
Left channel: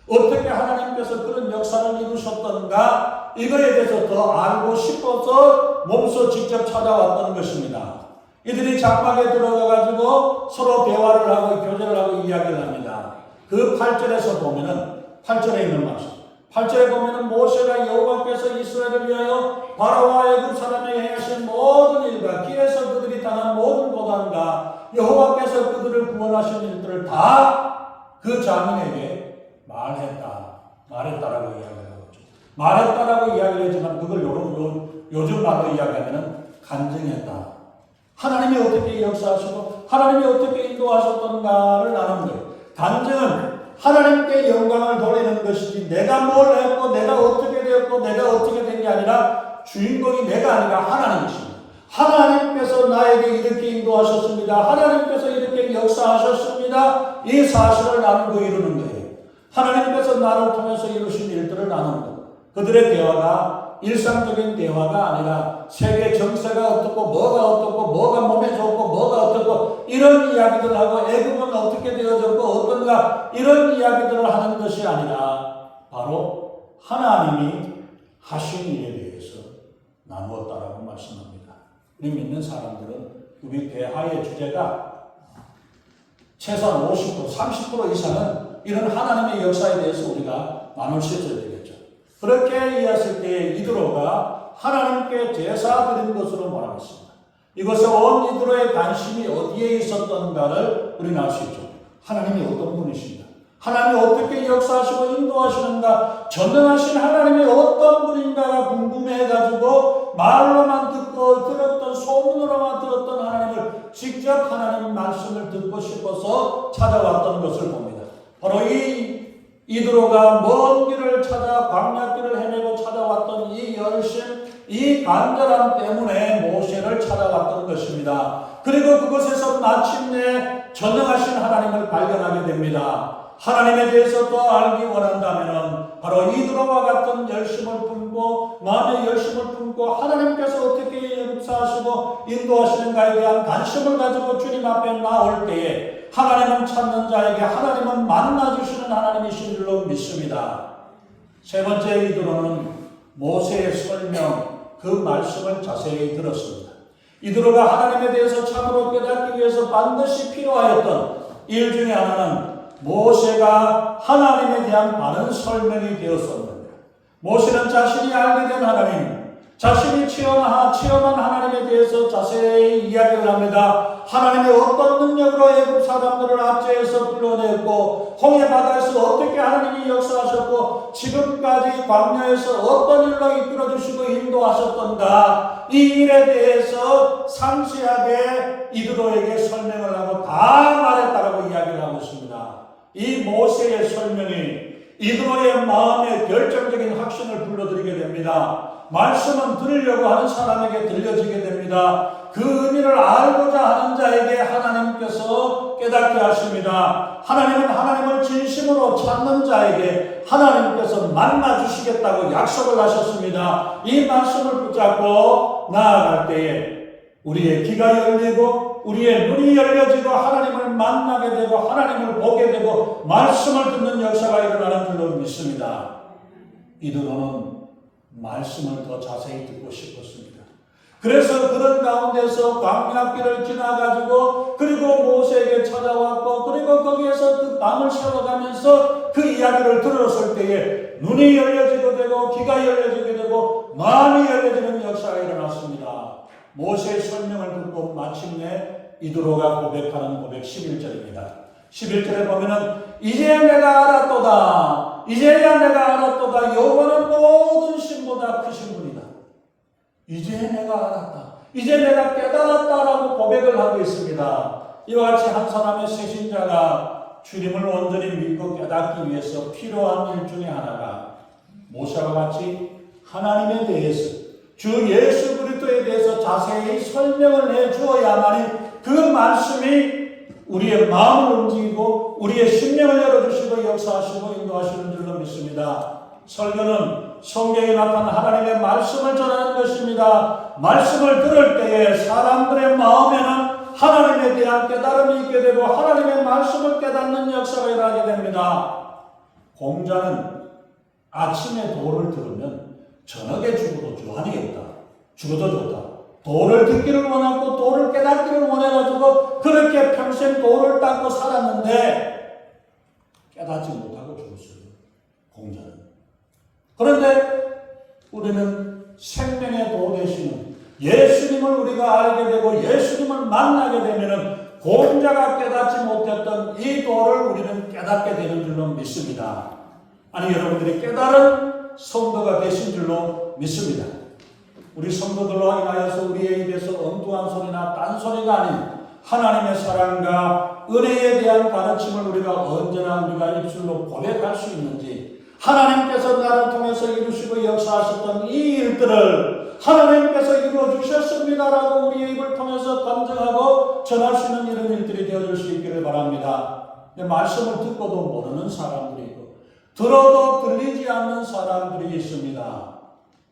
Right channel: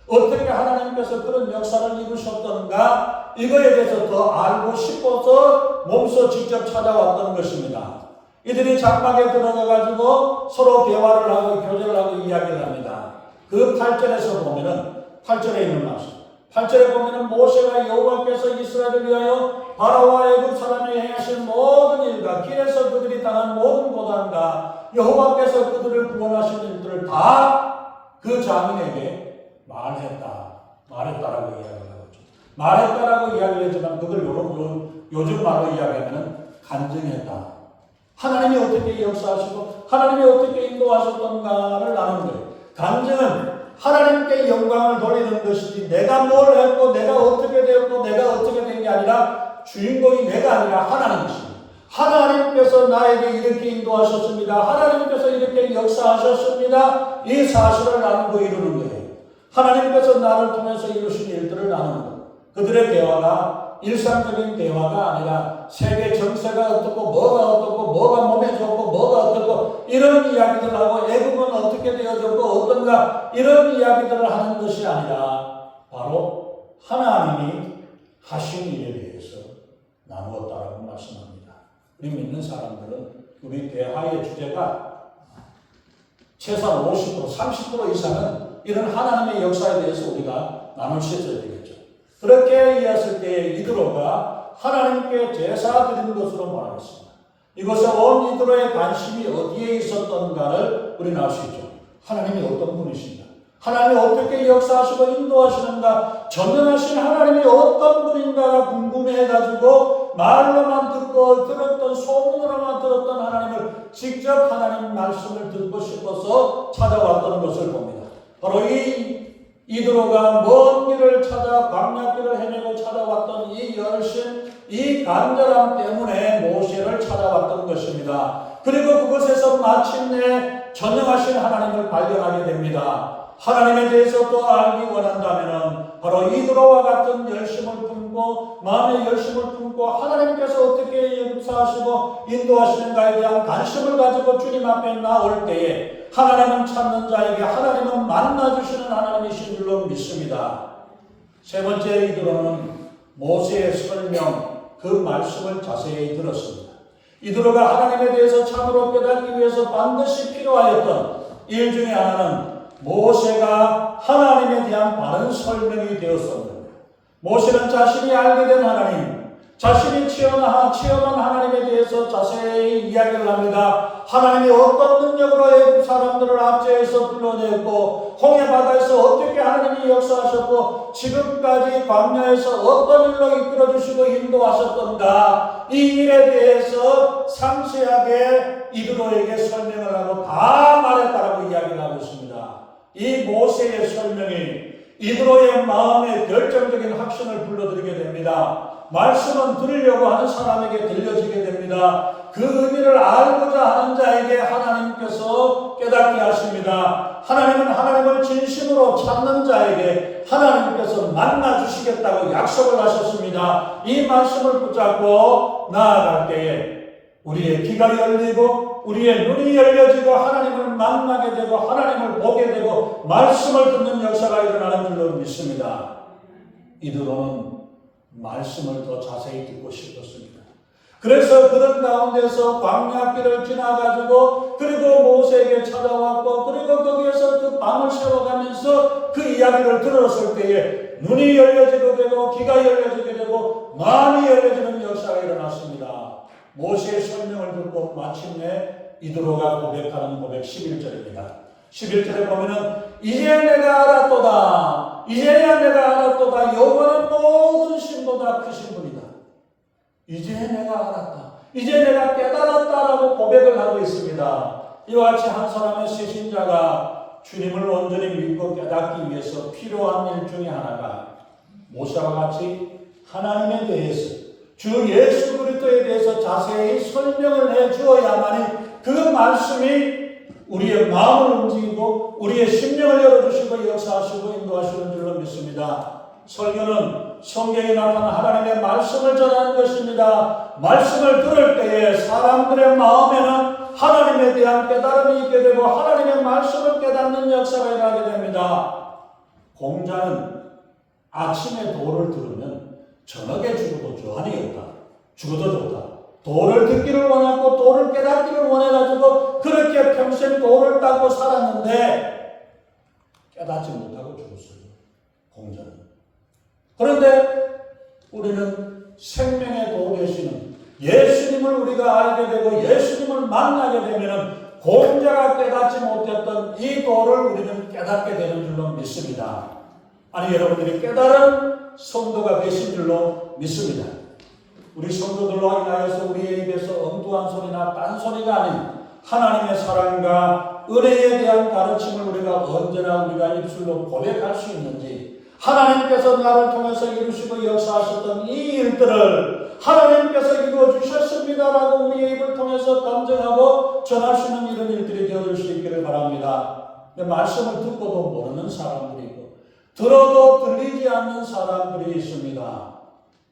어떻게 하나님께서 그런 역사를 이루셨던가, 이거에 대해서 더 알고 싶어서 몸소 직접 찾아왔던 것입니다. 이들이 장막에 들어가가지고 서로 대화를 하고 교제를 하고 이야기를 합니다. 그 8절에서 보면은, 8절에 있는 말씀, 8절에 보면은 모세가 여호와께서 이스라엘을 위하여 바로와 애굽 사람에게 행하신 모든 일과 길에서 그들이 당한 모든 고난과 여호와께서 그들을 구원하신 일들을 다 그 장인에게 말했다라고 이야기를 하죠. 말했다라고 이야기를 했지만 그걸 요즘 말로 이야기하면은 간증했다. 하나님이 어떻게 역사하시고 하나님이 어떻게 인도하셨던가를 아는 거예요. 간증은 하나님께 영광을 돌리는 것이지 내가 뭘 했고 내가 어떻게 되었고 내가 어떻게 된 게 아니라 주인공이 내가 아니라 하나님이십니다. 하나님께서 나에게 이렇게 인도하셨습니다. 하나님께서 이렇게 역사하셨습니다. 이 사실을 나누고 이루는 거예요. 하나님께서 나를 통해서 이루신 일들을 나누는 것. 그들의 대화가 일상적인 대화가 아니라 세계 정세가 어떻고 뭐가 어떻고 뭐가 몸에 좋고 뭐가 어떻고 이런 이야기들을 하고 애굽은 어떻게 되어졌고 어떤가 이런 이야기들을 하는 것이 아니라 바로 하나님이 하신 일에 대해서 나누었다라고 말씀합니다. 우리 믿는 사람들은 우리 대화의 주제가 최소한 50%, 30% 이상은 이런 하나님의 역사에 대해서 우리가 나눌 수 있어야 되겠죠. 그렇게 이해했을 때 이드로가 하나님께 제사 드린 것으로 말하겠습니다. 이것은 온 이드로의 관심이 어디에 있었던가를 우리는 알 수 있죠. 하나님이 어떤 분이신가, 하나님이 어떻게 역사하시고 인도하시는가, 전능하신 하나님이 어떤 분인가가 궁금해가지고 말로만 듣고 들었던 소문으로만 들었던 하나님을 직접 하나님 말씀을 듣고 싶어서 찾아왔던 것을 봅니다. 바로 이드로가 먼 길을 찾아 광야길을 헤매고 찾아왔던 이 열심, 이 간절함 때문에 모세를 찾아왔던 것입니다. 그리고 그곳에서 마침내 전능하신 하나님을 발견하게 됩니다. 하나님에 대해서 더 알기 원한다면 바로 이드로와 같은 열심을 품고 마음의 열심을 품고 하나님께서 어떻게 역사하시고 인도하시는가에 대한 관심을 가지고 주님 앞에 나올 때에 하나님은 찾는 자에게 하나님은 만나주시는 하나님이신 줄로 믿습니다. 세 번째, 이드로는 모세의 설명, 그 말씀을 자세히 들었습니다. 이드로가 하나님에 대해서 참으로 깨닫기 위해서 반드시 필요하였던 일 중에 하나는 모세가 하나님에 대한 바른 설명이 되었습니다. 모세는 자신이 알게 된 하나님, 자신이 체험한 하나님에 대해서 자세히 이야기를 합니다. 하나님이 어떤 능력으로 애굽 사람들을 압제해서 불러냈고 홍해 바다에서 어떻게 하나님이 역사하셨고 지금까지 광야에서 어떤 일로 이끌어주시고 인도하셨던가, 이 일에 대해서 상세하게 이드로에게 설명을 하고 다 말했다라고 이야기를 하고 있습니다. 이 모세의 설명이 이드로의 마음에 결정적인 확신을 불러들이게 됩니다. 말씀은 들으려고 하는 사람에게 들려지게 됩니다. 그 의미를 알고자 하는 자에게 하나님께서 깨닫게 하십니다. 하나님은 하나님을 진심으로 찾는 자에게 하나님께서 만나주시겠다고 약속을 하셨습니다. 이 말씀을 붙잡고 나아갈 때에 우리의 귀가 열리고 우리의 눈이 열려지고 하나님을 만나게 되고 하나님을 보게 되고 말씀을 듣는 역사가 일어나는 줄로 믿습니다. 이드로는 말씀을 더 자세히 듣고 싶었습니다. 그래서 그런 가운데서 광야길을 지나가지고 그리고 모세에게 찾아왔고 그리고 거기에서 그 밤을 새워가면서 그 이야기를 들었을 때에 눈이 열려지게 되고 귀가 열려지게 되고 마음이 열려지는 역사가 일어났습니다. 모세의 설명을 듣고 마침내 이드로가 고백하는 고백 11절입니다. 11절에 보면은 이제 내가 알았도다. 이제야 내가 알았도다. 여호와는 모든 신보다 크신 분이다. 이제 내가 알았다. 이제 내가 깨달았다라고 고백을 하고 있습니다. 이와 같이 한 사람의 새신자가 주님을 온전히 믿고 깨닫기 위해서 필요한 일 중에 하나가 모세와 같이 하나님에 대해서 주 예수 그리스도에 대해서 자세히 설명을 해 주어야만이 그 말씀이 우리의 마음을 움직이고 우리의 심령을 열어주시고 역사하시고 인도하시는 줄로 믿습니다. 설교는 성경에 나타난 하나님의 말씀을 전하는 것입니다. 말씀을 들을 때에 사람들의 마음에는 하나님에 대한 깨달음이 있게 되고 하나님의 말씀을 깨닫는 역사가 일어나게 됩니다. 공자는 아침에 도를 들으면 저녁에 죽어도 저한이 없다. 죽어도 좋다. 도를 듣기를 원하고 도를 깨닫기를 원해가지고 그렇게 평생 도를 닦고 살았는데 깨닫지 못하고 죽었어요. 공자는. 그런데 우리는 생명의 도 되시는 예수님을 우리가 알게 되고 예수님을 만나게 되면 공자가 깨닫지 못했던 이 도를 우리는 깨닫게 되는 줄로 믿습니다. 아니 여러분들이 깨달은 성도가 되신 줄로 믿습니다. 우리 성도들로 인하여서 우리의 입에서 엉뚱한 소리나 딴소리가 아닌 하나님의 사랑과 은혜에 대한 가르침을 우리가 언제나 우리가 입술로 고백할 수 있는지 하나님께서 나를 통해서 이루시고 역사하셨던 이 일들을 하나님께서 이루어주셨습니다라고 우리의 입을 통해서 감정하고 전할 수 있는 이런 일들이 되어줄 수 있기를 바랍니다. 말씀을 듣고도 모르는 사람들이 있고 들어도 들리지 않는 사람들이 있습니다.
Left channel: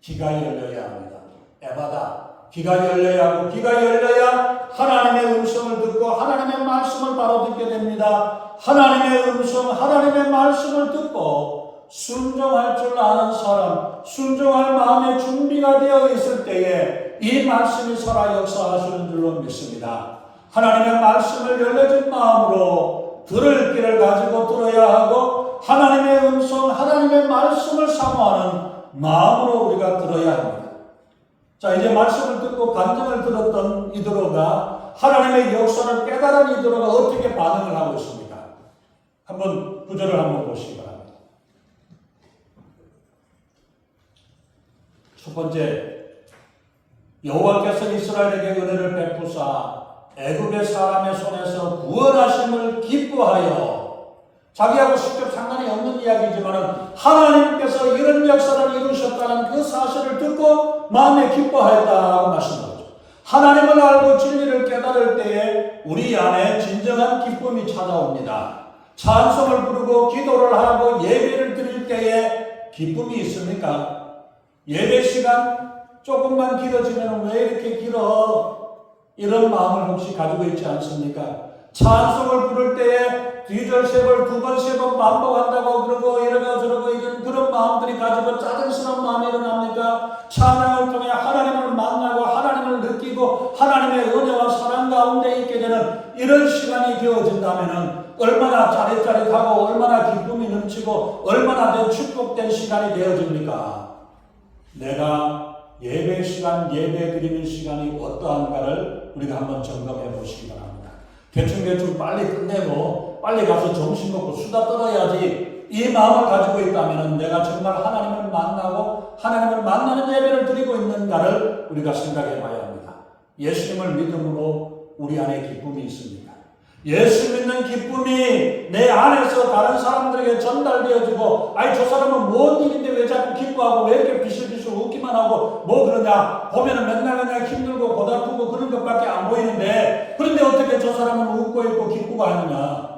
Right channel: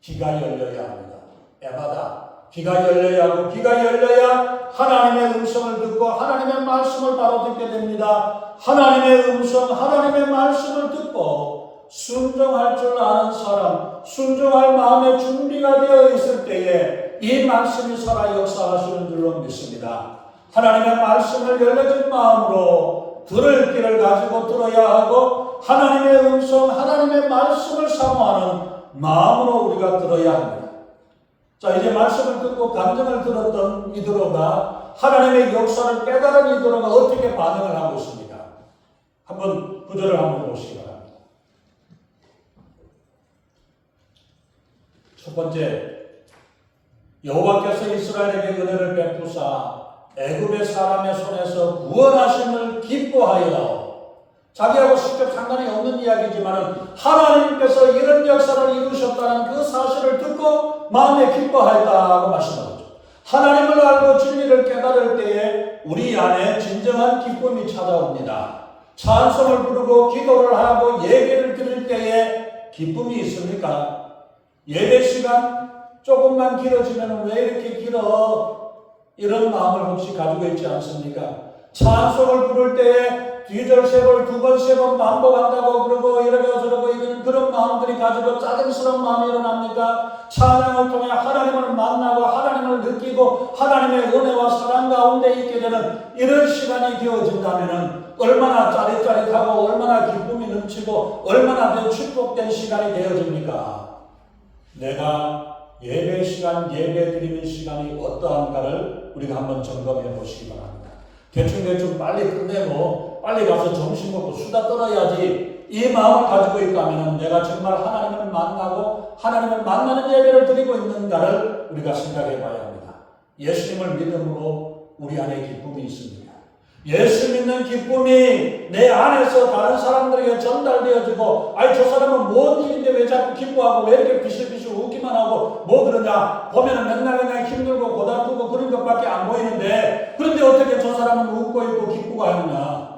귀가 열려야 합니다. 에바다. 귀가 열려야 하고 귀가 열려야 하나님의 음성을 듣고 하나님의 말씀을 바로 듣게 됩니다. 하나님의 음성, 하나님의 말씀을 듣고 순종할 줄 아는 사람, 순종할 마음의 준비가 되어 있을 때에 이 말씀이 살아 역사하시는 줄로 믿습니다. 하나님의 말씀을 열려진 마음으로 들을 길을 가지고 들어야 하고 하나님의 음성, 하나님의 말씀을 사모하는 마음으로 우리가 들어야 합니다. 자, 이제 말씀을 듣고 간증을 들었던 이드로가 하나님의 역사를 깨달은 이드로가 어떻게 반응을 하고 있습니까? 한번 구절을 한번 보시기 바랍니다. 첫 번째, 여호와께서 이스라엘에게 은혜를 베푸사 애굽의 사람의 손에서 구원하심을 기뻐하여, 자기하고 직접 상관이 없는 이야기지만 하나님께서 이런 역사를 이루셨다는 그 사실을 듣고 마음에 기뻐하였다고 말씀하죠. 하나님을 알고 진리를 깨달을 때에 우리 안에 진정한 기쁨이 찾아옵니다. 찬송을 부르고 기도를 하고 예배를 드릴 때에 기쁨이 있습니까? 예배 시간 조금만 길어지면 왜 이렇게 길어? 이런 마음을 혹시 가지고 있지 않습니까? 찬송을 부를 때에 뒤절 세 번, 두 번, 세 번 반복한다고 그러고 이러고 저러고 이런 그런 마음들이 가지고 짜증스러운 마음이 일어납니까? 찬양을 통해 하나님을 만나고 하나님을 느끼고 하나님의 은혜와 사랑 가운데 있게 되는 이런 시간이 되어진다면 얼마나 짜릿짜릿하고 얼마나 기쁨이 넘치고 얼마나 축복된 시간이 되어집니까? 내가 예배 시간, 예배 드리는 시간이 어떠한가를 우리가 한번 점검해 보시기 바랍니다. 대충 빨리 끝내고 빨리 가서 점심 먹고 수다 떨어야지 이 마음을 가지고 있다면 내가 정말 하나님을 만나고 하나님을 만나는 예배를 드리고 있는가를 우리가 생각해 봐야 합니다. 예수님을 믿음으로 우리 안에 기쁨이 있습니다. 예수 믿는 기쁨이 내 안에서 다른 사람들에게 전달되어지고 아이 저 사람은 뭔 일인데 왜 자꾸 기뻐하고 왜 이렇게 비실비실 웃기만 하고 뭐 그러냐 보면은 맨날 그냥 힘들고 고달프고 그런 것밖에 안 보이는데 그런데 어떻게 저 사람은 웃고 있고 기쁘고 하느냐.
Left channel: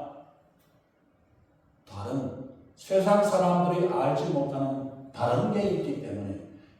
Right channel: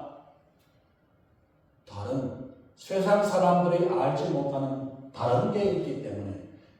다른 세상 사람들이 알지 못하는 다른 게 있기 때문에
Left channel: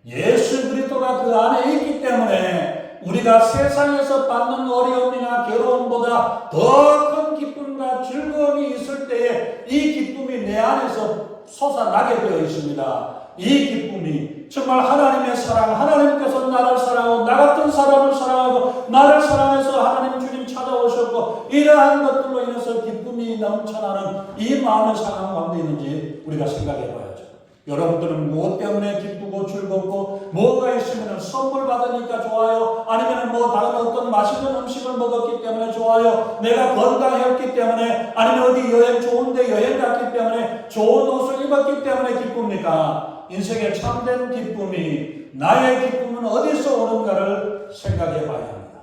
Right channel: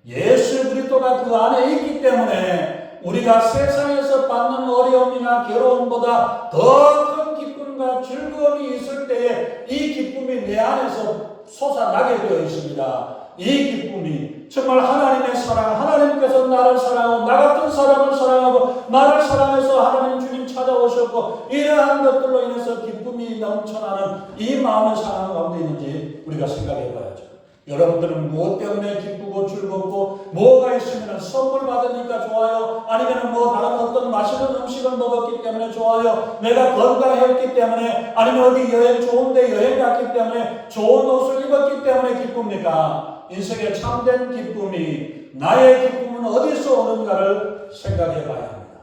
예수 그리스도가 그 안에 있기 때문에 우리가 세상에서 받는 어려움이나 괴로움보다 더 큰 기쁨과 즐거움이 있을 때에 이 기쁨이 내 안에서 솟아나게 되어 있습니다. 이 기쁨이 정말 하나님의 사랑, 하나님께서 나를 사랑하고 나 같은 사람을 사랑하고 나를 사랑해서 하나님 주님 찾아오셨고 이러한 것들로 인해서 기쁨이 넘쳐나는 이 마음의 사랑 가운데 있는지 우리가 생각해 봐야죠. 여러분들은 무엇 때문에 기쁘고 즐겁고 뭐가 있으면 선물 받으니까 좋아요? 아니면 뭐 다른 어떤 맛있는 음식을 먹었기 때문에 좋아요? 내가 건강했기 때문에 아니면 어디 여행 좋은데 여행 갔기 때문에 좋은 옷을 입었기 때문에 기쁩니까? 인생의 참된 기쁨이 나의 기쁨은 어디서 오는가를 생각해 봐야 합니다.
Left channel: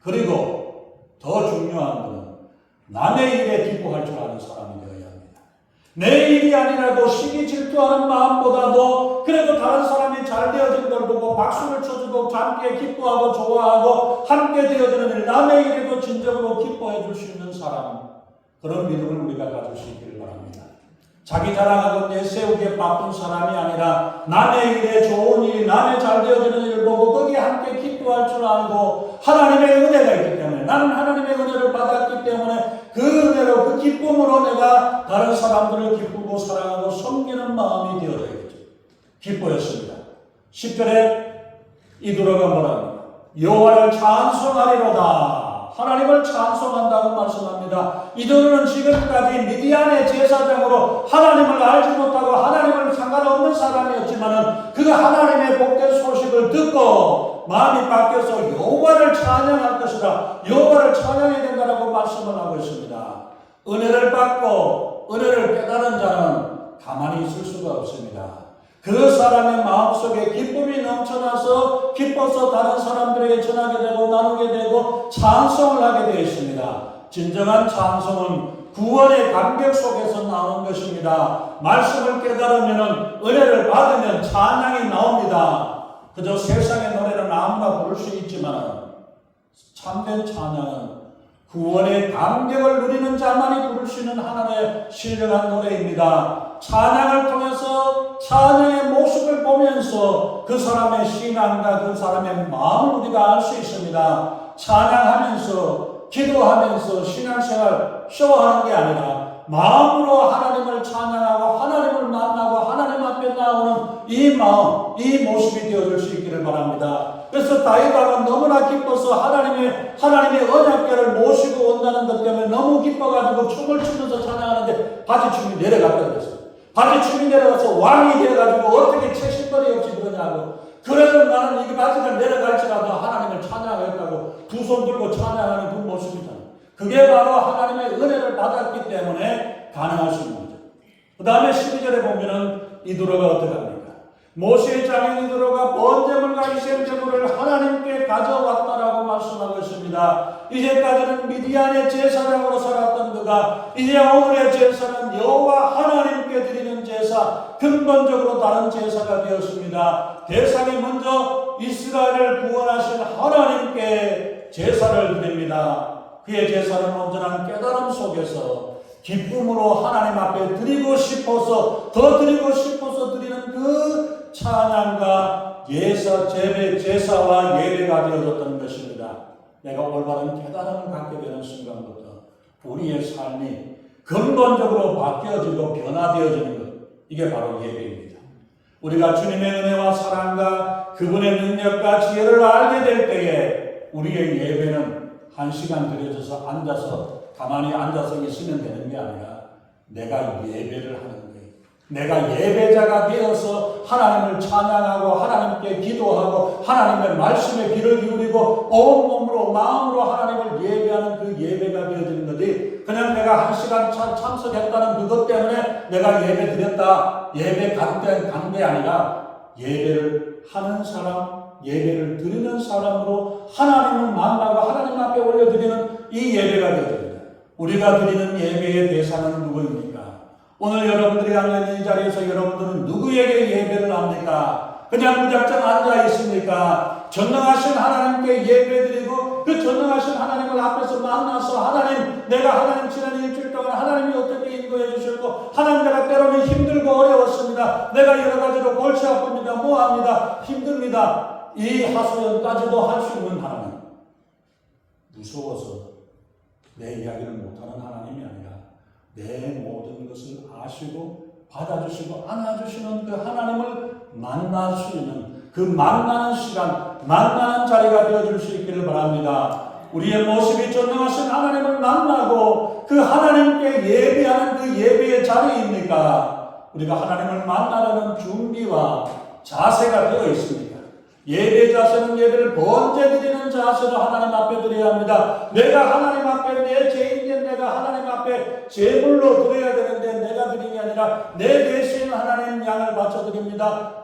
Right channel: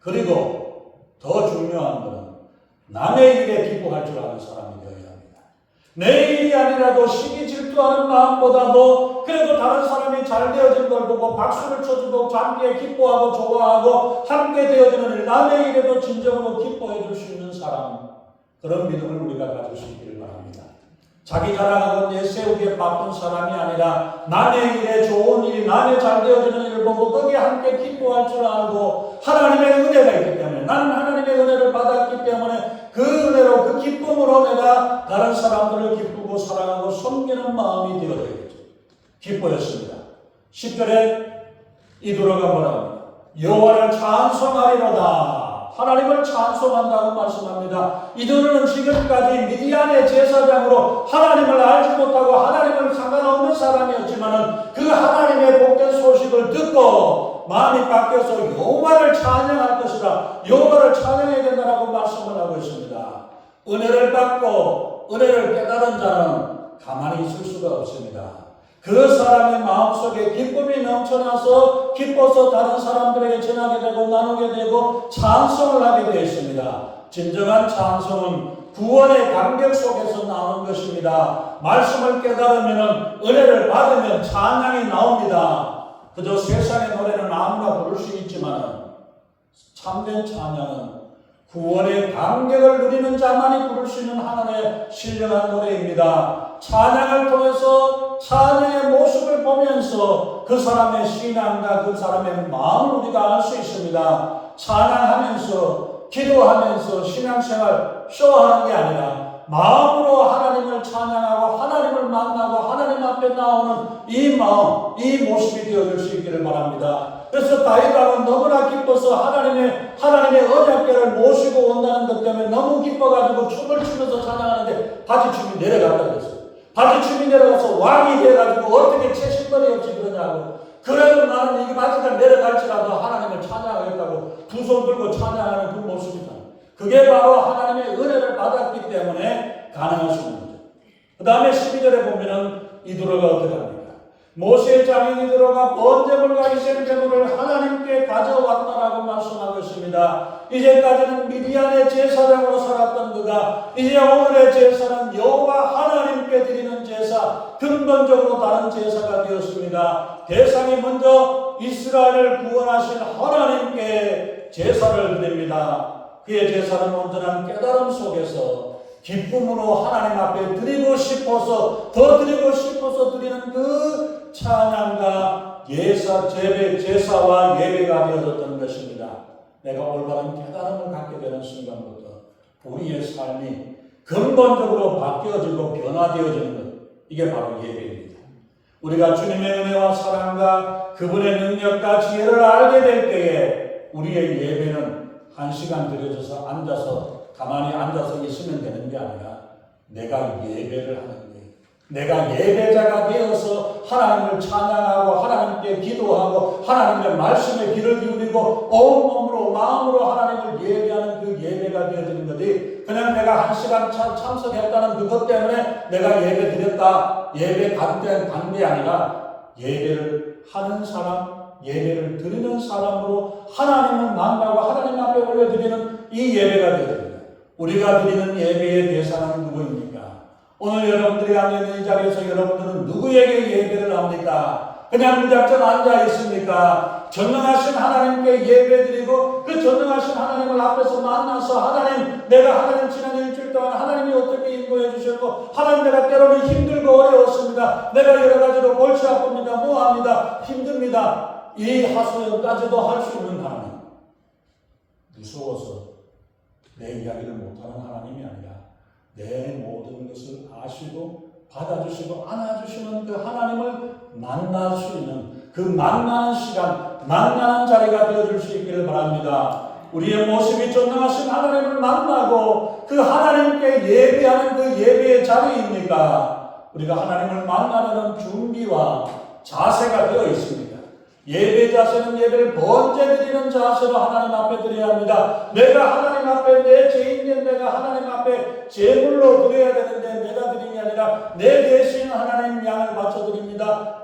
그리고 더 중요한 것은 남의 일에 기뻐할 줄 아는 사람이 되어야 합니다. 내 일이 아니라도 시기 질투하는 마음보다도 그래도 다른 사람이 잘 되어진 걸 보고 박수를 쳐주고 함께 기뻐하고 좋아하고 함께 되어지는 일, 남의 일에도 진정으로 기뻐해 줄 수 있는 사람, 그런 믿음을 우리가 가질 수 있기를 바랍니다. 자기 자랑하고 내세우기에 바쁜 사람이 아니라 남의 일에 좋은 일이 남의 잘 되어지는 일을 보고 거기에 함께 기뻐할 줄 알고 하나님의 은혜가 있기 때문에 나는 하나님의 은혜를 받았기 때문에 그 은혜로 그 기쁨으로 내가 다른 사람들을 기쁘고 사랑하고 섬기는 마음이 되어야겠죠. 기뻐했습니다. 10절에 이두로가 뭐라 합니까? 여호와를 찬송하리로다. 하나님을 찬송한다고 말씀합니다. 이두로는 지금까지 미디안의 제사장으로 하나님을 알지 못하고 하나님을 상관없는 사람이었지만 그 하나님의 복된 소식을 듣고 마음이 바뀌어서 여호와를 찬양할 것이다. 여호와를 찬양해야 된다라고 말씀을 하고 있습니다. 은혜를 받고 은혜를 깨달은 자는 가만히 있을 수가 없습니다. 그 사람의 마음속에 기쁨이 넘쳐나서 기뻐서 다른 사람들에게 전하게 되고 나누게 되고 찬송을 하게 되어 있습니다. 진정한 찬송은 구원의 감격 속에서 나오는 것입니다. 말씀을 깨달으면 은혜를 받으면 찬양이 나옵니다. 그저 세상의 노래는 아무나 부를 수 있지만 참된 찬양은 구원의 감격을 누리는 자만이 부를 수 있는 하나님의 신령한 노래입니다. 찬양을 통해서 찬양의 모습을 보면서 그 사람의 신앙과 그 사람의 마음을 우리가 알 수 있습니다. 찬양하면서 기도하면서 신앙생활 쇼하는 게 아니라 마음으로 하나님을 찬양하고 하나님을 만나고 하나님 앞에 나오는 이 마음, 이 모습이 되어질 수 있기를 바랍니다. 그래서 다윗왕은 너무나 기뻐서 하나님의 언약궤를 모시고 온다는 것 때문에 너무 기뻐가지고 춤을 추면서 찬양하는데 바지춤이 내려갔다 그랬어요. 바지춤이 내려가서 왕이 되어가지고 어떻게 채식거리 없이 그러냐고. 그래도 나는 이 바지가 내려갈지라도 하나님을 찬양하겠다고 두 손 들고 찬양하는 그 모습이잖아요. 그게 바로 하나님의 은혜를 받았기 때문에 가능할 수 있는 거죠. 그 다음에 12절에 보면은 이두로가 어떻게 합니까? 모세의 장인 이두로가 번제물과 희생제물을 하나님께 가져왔다라고 말씀하고 있습니다. 이제까지는 미디안의 제사장으로 살았던 그가 이제 오늘의 제사는 여호와 하나님께 드리는 제사, 근본적으로 다른 제사가 되었습니다. 대상이 먼저 이스라엘을 구원하신 하나님께 제사를 드립니다. 그의 제사는 온전한 깨달음 속에서 기쁨으로 하나님 앞에 드리고 싶어서 더 드리고 싶어서 드리는 그 찬양과 제사와 예배가 되어졌던 것입니다. 내가 올바른 깨달음을 갖게 되는 순간부터 우리의 삶이 근본적으로 바뀌어지고 변화되어지는 것, 이게 바로 예배입니다. 우리가 주님의 은혜와 사랑과 그분의 능력과 지혜를 알게 될 때에 우리의 예배는 1시간 들여져서 가만히 앉아서 있으면 되는 게 아니라 내가 예배를 하는 거예요. 내가 예배자가 되어서 하나님을 찬양하고 하나님께 기도하고 하나님의 말씀에 귀를 기울이고 온 몸으로 마음으로 하나님을 예배하는 그 예배가 되어지는 거지, 그냥 내가 1시간 참석했다는 그것 때문에 내가 예배 드렸다, 예배 간 게 아니라 예배를 하는 사람, 예배를 드리는 사람으로 하나님을 만나고 하나님 앞에 올려드리는 이 예배가 되어집니다. 우리가 드리는 예배의 대상은 누구입니까? 오늘 여러분들이 앉아있는 이 자리에서 여러분들은 누구에게 예배를 합니까? 그냥 무작정 앉아 있습니까? 전능하신 하나님께 예배드리고 그 전능하신 하나님을 앞에서 만나서 하나님, 내가 하나님 지난 일주일 동안 하나님이 어떻게 인도해 주셨고 하나님, 내가 때로는 힘들고 어려웠습니다. 내가 여러 가지로 골치 아픕니다. 뭐합니다. 힘듭니다. 이 하소연까지도 할 수 있는 하나님, 무서워서 내 이야기를 못하는 하나님이 아니라 내 모든 것을 아시고 받아주시고 안아주시는 그 하나님을 만날 수 있는 그 만나는 시간, 만나는 자리가 되어줄 수 있기를 바랍니다. 우리의 모습이 존경하신 하나님을 만나고 그 하나님께 예배하는 그 예배의 자리입니까? 우리가 하나님을 만나려는 준비와 자세가 되어 있습니다. 예배 자세는 예배를 번제 드리는 자세로 하나님 앞에 드려야 합니다. 내가 하나님 앞에 내 죄인된 내가 하나님 앞에 제물로 드려야 되는데 내가 드림이 아니라 내 대신 하나님 양을 바쳐 드립니다.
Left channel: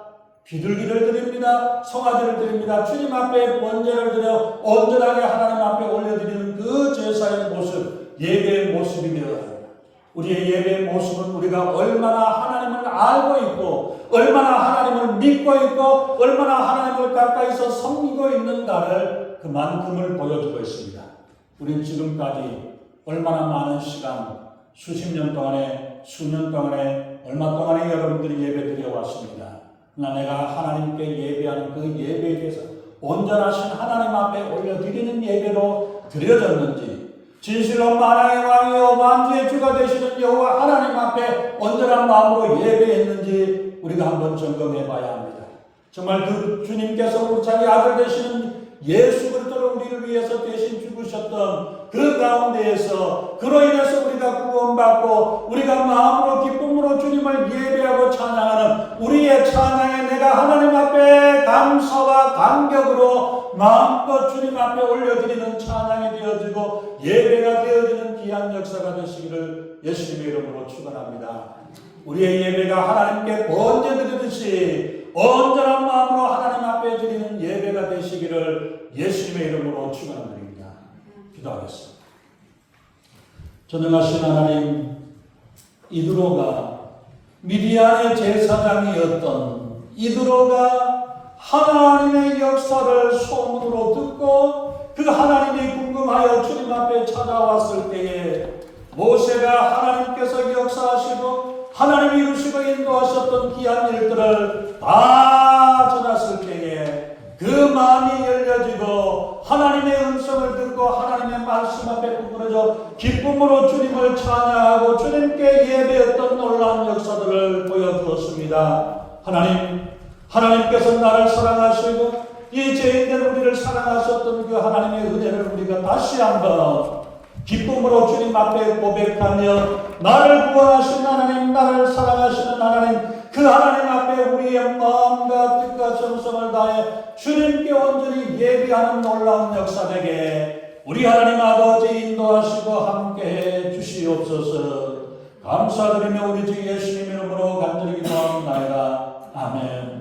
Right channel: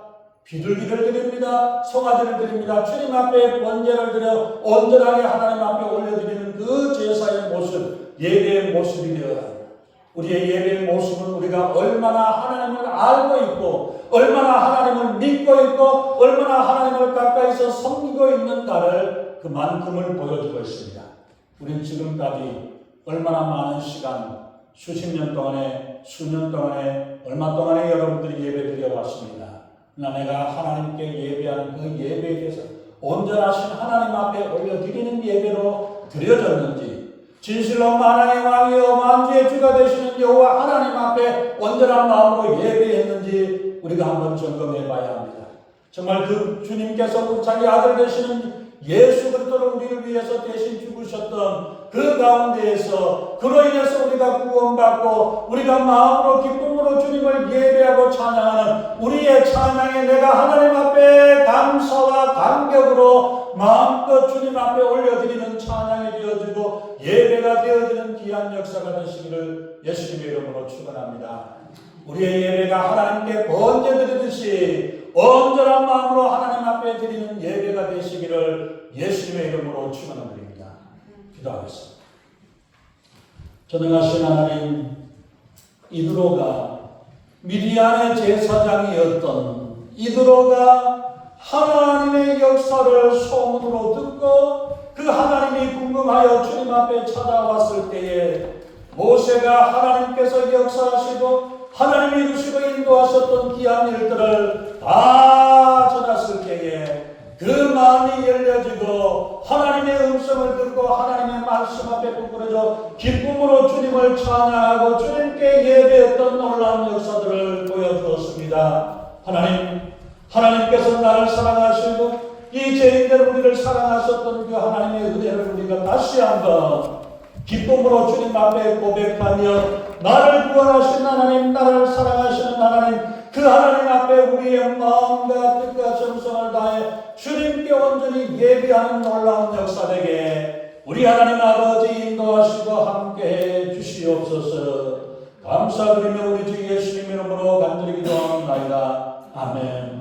비둘기를 드립니다. 송아지를 드립니다. 주님 앞에 번제를 드려 온전하게 하나님 앞에 올려드리는 그 제사의 모습, 예배의 모습이 되어야 합니다. 우리의 예배의 모습은 우리가 얼마나 하나님을 알고 있고 얼마나 하나님을 믿고 있고 얼마나 하나님을 가까이서 섬기고 있는가를 그만큼을 보여주고 있습니다. 우린 지금까지 얼마나 많은 시간, 수십 년 동안에, 수년 동안에, 얼마 동안에 여러분들이 예배 드려왔습니다. 그러나 내가 하나님께 예배하는 그 예배에 대해서 온전하신 하나님 앞에 올려드리는 예배로 드려졌는지, 진실로 만왕의 왕이요 만주의 주가 되시는 여호와 하나님 앞에 온전한 마음으로 예배했는지 우리가 한번 점검해 봐야 합니다. 정말 그 주님께서 우리 자기 아들 되시는 예수 그리스도를 우리를 위해서 대신 죽으셨던 그 가운데에서 그로 인해서 우리가 구원받고 우리가 마음으로 기쁨으로 주님을 예배하고 찬양하는 우리의 찬양에 내가 하나님 앞에 감사와 감격으로 마음껏 주님 앞에 올려드리는 찬양이 되어지고 예배가 되어지는 귀한 역사가 되시기를 예수님의 이름으로 축원합니다. 우리의 예배가 하나님께 번제 드리듯이 온전한 마음으로 하나님 앞에 드리는 예배가 되시기를 예수님의 이름으로 축원합니다. 기도하겠습니다. 전능하신 하나님, 이드로가 미디안의 제사장이었던 이드로가 하나님의 역사를 소문으로 듣고 그 하나님이 궁금하여 주님 앞에 찾아왔을 때에 모세가 하나님께서 역사하시고 하나님이 이루시고 인도하셨던 귀한 일들을 다 전했을 때에 그 마음이 열려지고 하나님의 음성을 듣고 하나님의 말씀 앞에 부끄러져 기쁨으로 주님을 찬양하고 주님께 예배했던 놀라운 역사들을 보여주었습니다. 하나님께서 나를 사랑하시고 이 죄인들 우리를 사랑하셨던 그 하나님의 은혜를 우리가 다시 한번 기쁨으로 주님 앞에 고백하며 나를 구원하신 하나님, 나를 사랑하시는 하나님, 그 하나님 앞에 우리의 마음과 뜻과 정성을 다해 주님께 온전히 예배하는 놀라운 역사 되게 우리 하나님 아버지 인도하시고 함께해 주시옵소서. 감사드리며 우리 주 예수님 이름으로 간절히 기도합니다. 아멘.